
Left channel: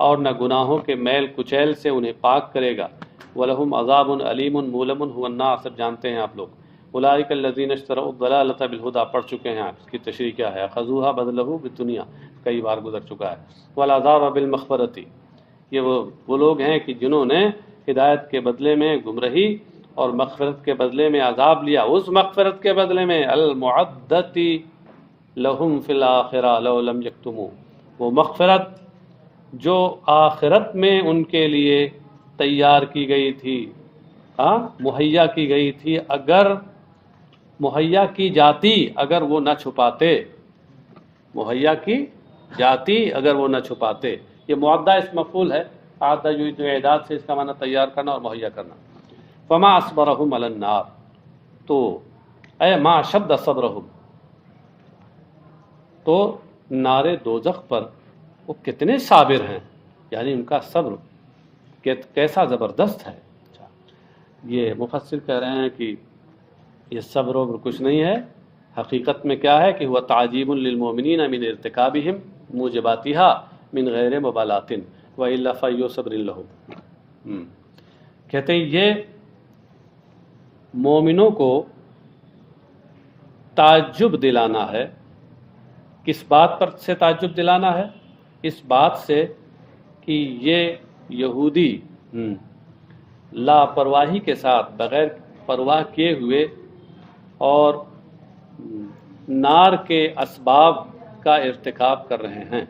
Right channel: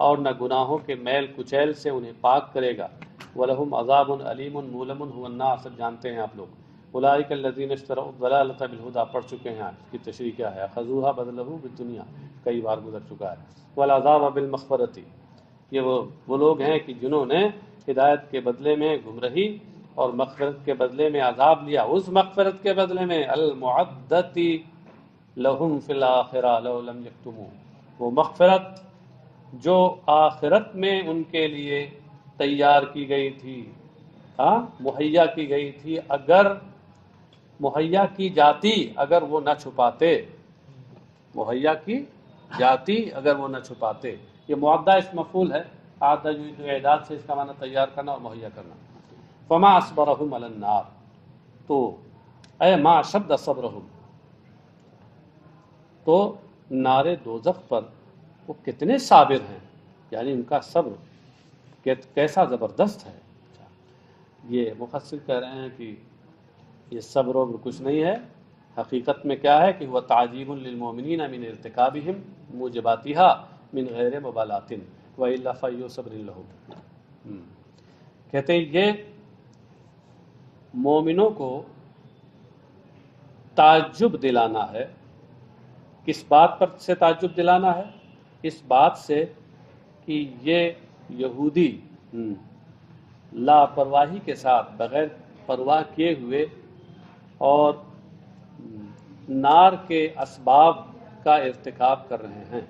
اور نہ گناہوں کے میل کچیل سے انہیں پاک کرے گا۔ وَلَهُمْ عَذَابٌ أَلِيمٌ مُؤْلَمٌ هُوَ النَّارُ، سب جانتے ہیں آپ لوگ۔ اولئک الذین اشتروا الضلالۃ بالہدیٰ، پڑھ چکے ہیں آپ، اس کی تشریح کیا ہے؟ خذوها بدلہ بالدنیا، کئی بار گزر چکا ہے۔ والعذاب بالمغفرۃ، یہ وہ لوگ ہیں کہ جنہوں نے ہدایت کے بدلے میں گمراہی اور مغفرت کے بدلے میں عذاب لیا، اس مغفرت کے بدلے میں المعدۃ لہم فی الآخرہ لو لم یکتموا، وہ مغفرت جو آخرت میں ان کے لیے تیار کی گئی تھی، مہیا کی گئی تھی، اگر مہیا کی جاتی اگر وہ نہ چھپاتے، مہیا کی جاتی اگر وہ نہ چھپاتے۔ یہ معدہ اس مفعول ہے، آدھا جو اعداد سے اس کا معنی تیار کرنا اور مہیا کرنا۔ فما اصبرہم علی النار، تو اے ما شد صبرہم، تو نار دوزخ پر وہ کتنے صابر ہیں، یعنی ان کا صبر کیسا زبردست ہے۔ یہ مفسر کہہ رہے ہیں کہ یہ صبر و کچھ نہیں ہے، حقیقت میں کیا ہے کہ ہوا تعجیب للمؤمنین من ارتکابہم موجباتہا من غیر مبالات وإلا فیو صبر لہم۔ کہتے ہیں یہ مومنوں کو تعجب دلانا ہے۔ کس بات پر سے تعجب دلانا ہے؟ اس بات سے کہ یہ یہودی لاپرواہی کے ساتھ بغیر پرواہ کیے ہوئے اور نار کے اسباب کا ارتکاب کر رہے ہیں،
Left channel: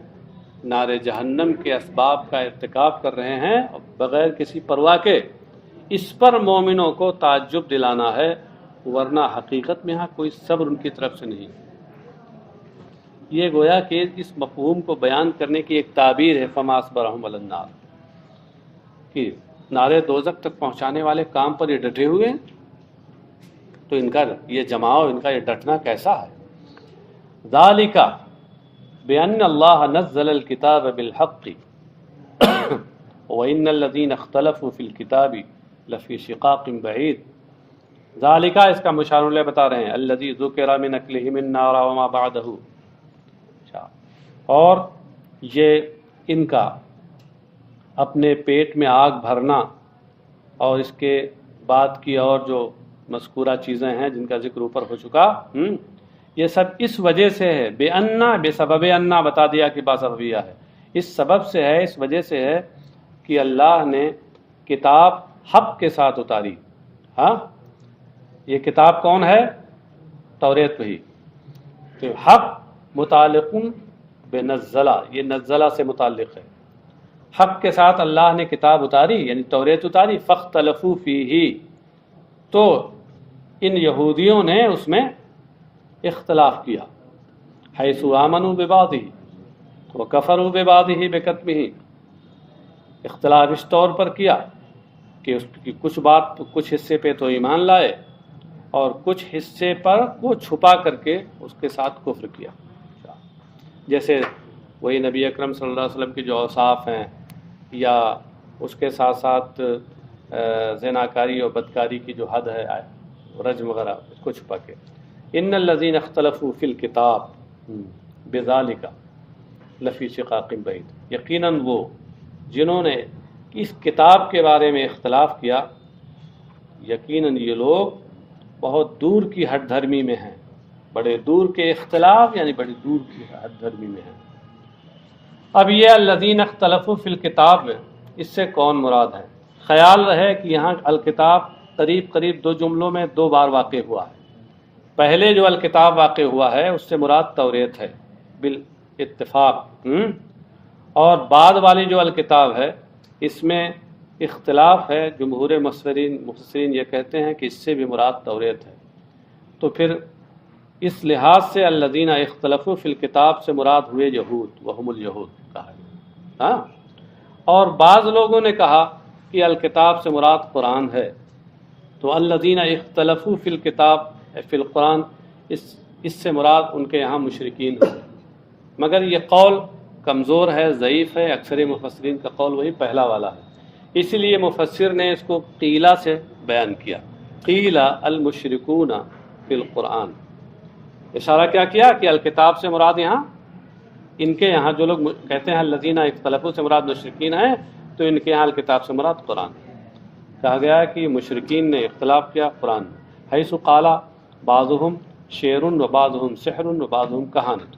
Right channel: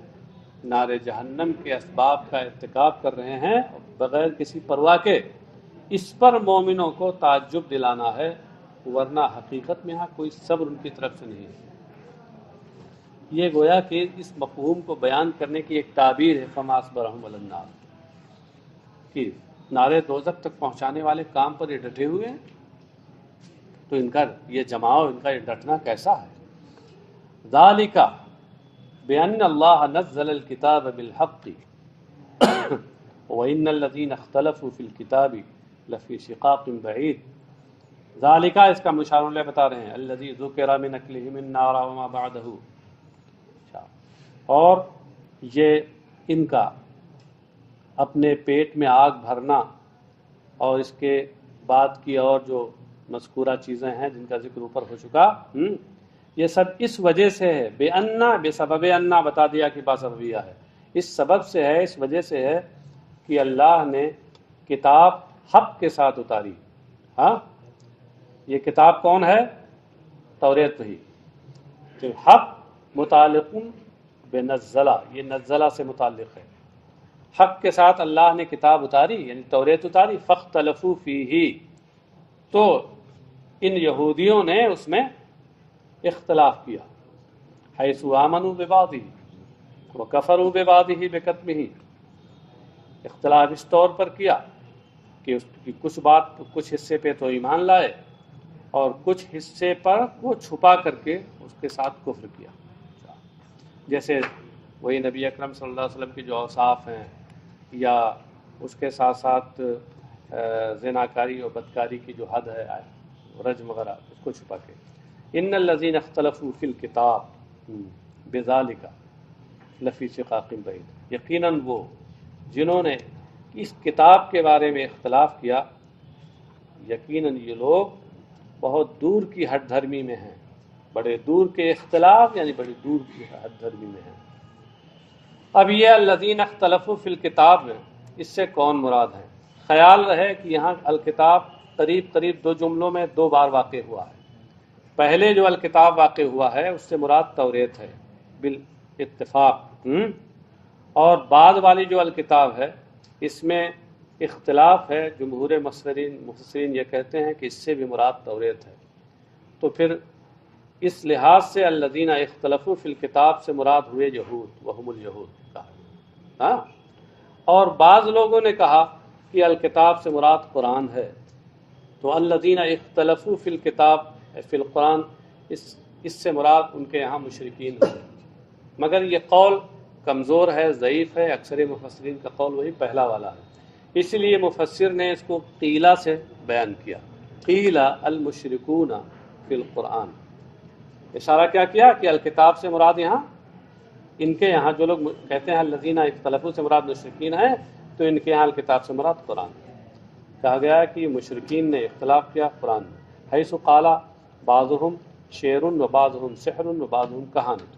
نار جہنم کے اسباب کا ارتکاب کر رہے ہیں بغیر کسی پرواہ کے، اس پر مومنوں کو تعجب دلانا ہے، ورنہ حقیقت میں ہاں کوئی صبر ان کی طرف سے نہیں۔ یہ گویا کہ اس مفہوم کو بیان کرنے کی ایک تعبیر ہے، فما اصبرہم علی النار، کہ نارے دوزخ تک پہنچانے والے کام پر یہ ڈٹے ہوئے ہیں، تو ان کا یہ جماؤ، ان کا یہ ڈٹنا کیسا ہے؟ ذالک بأن اللہ نزل الکتاب بالحق وإن الذین اختلفوا فی الکتاب لفی شقاق بعید۔ ذالک، اس کا مشار علیہ بتا رہے ہیں، الذی ذکر من اکلہم النار وما بعدہ، اور یہ ان کا اپنے پیٹ میں آگ بھرنا اور اس کے بعد کی اور جو مذکورہ چیزیں ہیں جن کا ذکر اوپر ہو چکا، یہ سب اس وجہ سے ہے، بے انا، بے سبب انا بتا دیا کہ باسببیہ ہے، اس سبب سے ہے، اس وجہ سے ہے کہ اللہ نے کتاب حق کے ساتھ اتاری۔ ہاں، یہ کتاب کون ہے؟ توریت وحی، تو حق متعلق بنزلہ، یہ نزلہ سے متعلق ہے، حق کے ساتھ اللہ نے کتاب اتاری یعنی توریت اتاری، فاختلفوا فیہ، تو ان یہودیوں نے اس میں اختلاف کیا، حیث آمنوا ببعضہ وکفروا ببعضہ بکتمہ، اختلاف اس طور پر کیا کہ اس کی کچھ حصے پہ تو ایمان لائے اور کچھ حصے پر وہ چھپا کر کے اس کے ساتھ کفر کیا۔ جیسے وہی نبی اکرم صلی اللہ علیہ وسلم کی جو اوصاف ہیں، یا اس کے ساتھ ساتھ زناکاری اور بدکاری کی جو حد ہے، رجم وغیرہ، اس کو چھپا کے۔ ان الذین اختلفوا فی الکتاب بذالک لفی شقاق بعید، یقیناً وہ جنہوں نے اس کتاب کے بارے میں اختلاف کیا، یقیناً یہ لوگ بہت دور کی ہٹ دھرمی میں ہیں، بڑے دور کے اختلاف یعنی بڑی دور کی ہٹ دھرمی میں ہیں۔ اب یہ الذین اختلفوا فی الکتاب، اس سے کون مراد ہے؟ خیال رہے کہ یہاں الکتاب قریب قریب دو جملوں میں دو بار واقع ہوا ہے۔ پہلے جو الکتاب واقع ہوا ہے اس سے مراد توریت ہے بالاتفاق، اور بعد والی جو الکتاب ہے اس میں اختلاف ہے، جمہور مفسرین یہ کہتے ہیں کہ اس سے بھی مراد توریت ہے۔ تو پھر اس لحاظ سے الذین اختلفوا فی الکتاب سے مراد ہوئے یہود وہم الیہود کہا ہے ہاں، اور بعض لوگوں نے کہا کہ الکتاب سے مراد قرآن ہے، تو الذین اختلفوا فی الکتاب فی القرآن اس سے مراد ان کے یہاں مشرکین ہیں، مگر یہ قول کمزور ہے، ضعیف ہے، اکثر مفسرین کا قول وہی پہلا والا ہے، اسی لیے مفسر نے اس کو قیلہ سے بیان کیا، قیلہ المشرکون فی القرآن، اشارہ کیا کیا کہ الکتاب سے مراد یہاں ان کے یہاں جو لوگ کہتے ہیں الذین اختلفوا سے مراد مشرکین ہیں، تو ان کے یہاں الکتاب سے مراد قرآن کہا گیا ہے کہ مشرکین نے اختلاف کیا قرآن میں، حیث قال بعضهم شعر و بعضهم سحر و بعضهم کہانت،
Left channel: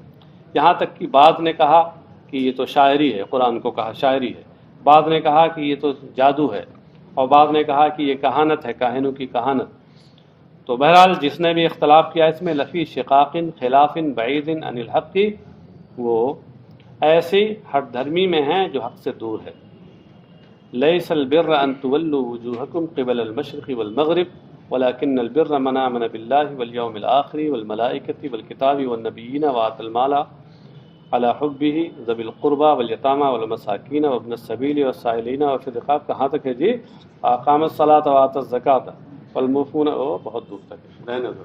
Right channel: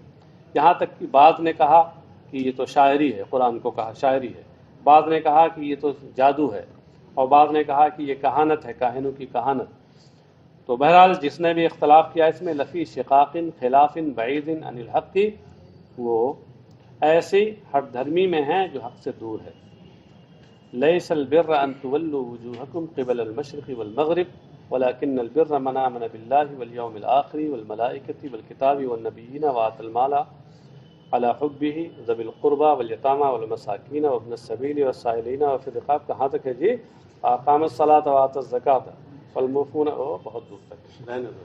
یہاں تک کہ بعض نے کہا کہ یہ تو شاعری ہے، قرآن کو کہا شاعری ہے، بعض نے کہا کہ یہ تو جادو ہے، اور بعض نے کہا کہ یہ کہانت ہے، کاہنوں کی کہانت۔ تو بہرحال جس نے بھی اختلاف کیا اس میں لفی شقاق خلاف بعید عن الحق، وہ ایسی ہٹ دھرمی میں ہیں جو حق سے دور ہے۔ لیس البر ان تولوا وجوہکم قبل المشرق والمغرب ولكن البر من آمن بالله واليوم الآخر والملائكة والكتاب والنبيين وآتى المال على حبه ذوي القربى واليتامى والمساكين وابن السبيل والسائلين وفي الرقاب، کہاں تک ہے جی؟ اقام الصلاة وآتى الزکاة والموفون، بہت دور تک ہے، رہنے دو۔